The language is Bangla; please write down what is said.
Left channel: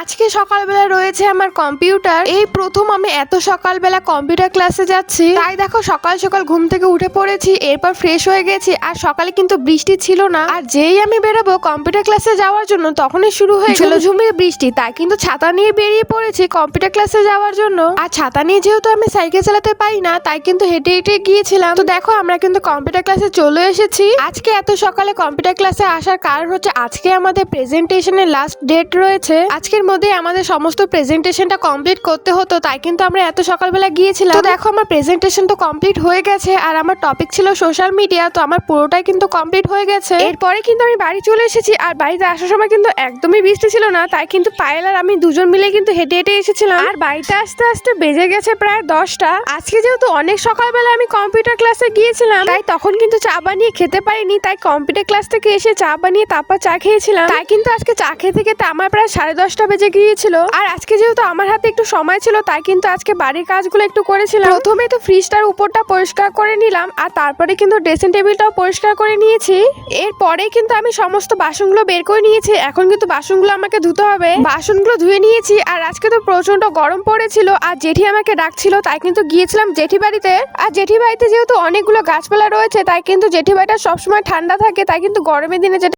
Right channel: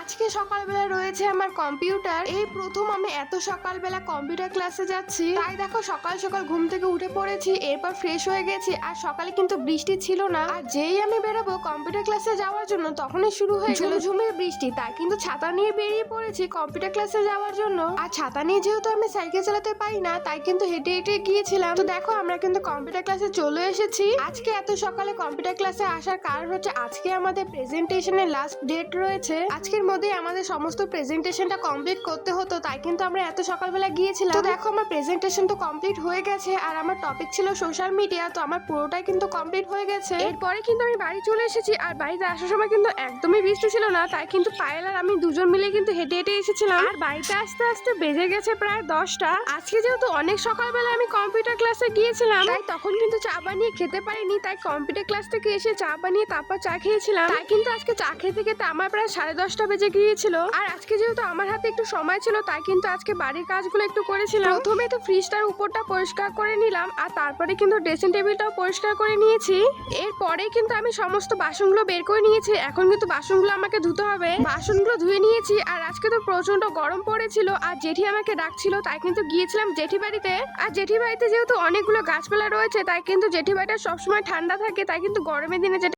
আজকে সকালবেলা রয়েছে আমার কম্পিউটার। এই প্রথম আমি এত সকালবেলা কম্পিউটার ক্লাসে যাচ্ছি। তাই দেখো সকাল সকাল ঘুম থেকে উঠে পড়েছি, এরপর ফ্রেশ হয়ে গেছি। আর সকালে কিন্তু বৃষ্টি ছিল না, আর যেই আমি বেরোবো কম্পিউটার ক্লাসে যাওয়ার জন্য তখনই শুরু হয়ে গেল ঝুমঝুমিয়ে বৃষ্টি। তাই কিন্তু ছাতা নিয়ে বেরিয়ে পড়েছি কম্পিউটার ক্লাসে যাওয়ার জন্য। আর ছাতা নিয়ে যেহেতু আমি সাইকেল চালাতে পারি না, তাই কিন্তু হেঁটে হেঁটে গিয়েছিলাম। তো দেখো আমরা কিন্তু কম্পিউটার ক্লাসে চলে এসেছি। আজকে এত সকালে কম্পিউটার ক্লাসে আসার কারণ হচ্ছে আজকে আমাদের প্রেজেন্টেশনের লাস্ট ডেট রয়েছে। আজকের মধ্যে আমাদের সমস্ত প্রেজেন্টেশনটা কমপ্লিট করতে হতো, তাই কিন্তু আমরা এত সকালবেলা গিয়েছিলাম। তো দেখো আমার প্রেজেন্টেশন তো কমপ্লিট হয়ে গেছে, আর আমার টপিক ছিল সোশ্যাল মিডিয়া। তো আমার পুরোটাই কিন্তু কমপ্লিট হয়ে গেছে। এরপরে কিন্তু আমি বাড়ি চলে এসেছি, আর বাড়িতে আসার সময় কিন্তু একদমই বৃষ্টি ছিল না। তাই কিন্তু পায়েল আর আমি দুজন মিলে কিন্তু হেঁটে হেঁটে এসেছিলাম। আর বাড়িতে আসতে আসতে বেজে গেছে প্রায় 10টা। আজকে যেহেতু অনেক সকালবেলা আমি কম্পিউটার ক্লাসে গিয়েছিলাম, তাই তখন কিন্তু চা বানিয়ে খেতে পারিনি। তাই কম্পিউটার ক্লাস থেকে এসে চা বানিয়ে তারপর চা খেয়েছিলাম। তাই কিন্তু আজকে চা খেতে খেতে আমার প্রায় 10:30 বেজে গিয়েছিল। আর আজকে যেহেতু আমার হাতে একটু সময় ছিল, তাই কিন্তু আজকে বাড়ির কাজগুলো একটু করেছিলাম। প্রথমে তো ফ্রিজটার উপরটা পরিষ্কার করে নিলাম, আর তারপরে কিন্তু ড্রেসিং টেবিলটাও পরিষ্কার করে নিয়েছি। এরপরে কিন্তু আমি সমস্ত বাসনগুলো বের করে নিয়েছি। এখন কিন্তু বাসনগুলো আমাকে ধুতে হবে। বাসনগুলো ধুয়ে নিয়েছি। আর আজকে তো প্রচন্ড গরম পড়েছিল, আর জেঠি আমাকে ডাকছিল, তাই কিন্তু গিয়েছিলাম জেঠি বাড়িতে। আর জেঠি বাড়িতে যেহেতু অনেকগুলো গাছপালা রয়েছে, তাই কিন্তু জেঠি বাড়িটা সবসময় ঠান্ডা থাকে। তাই কিন্তু গরমের দিনে যেটা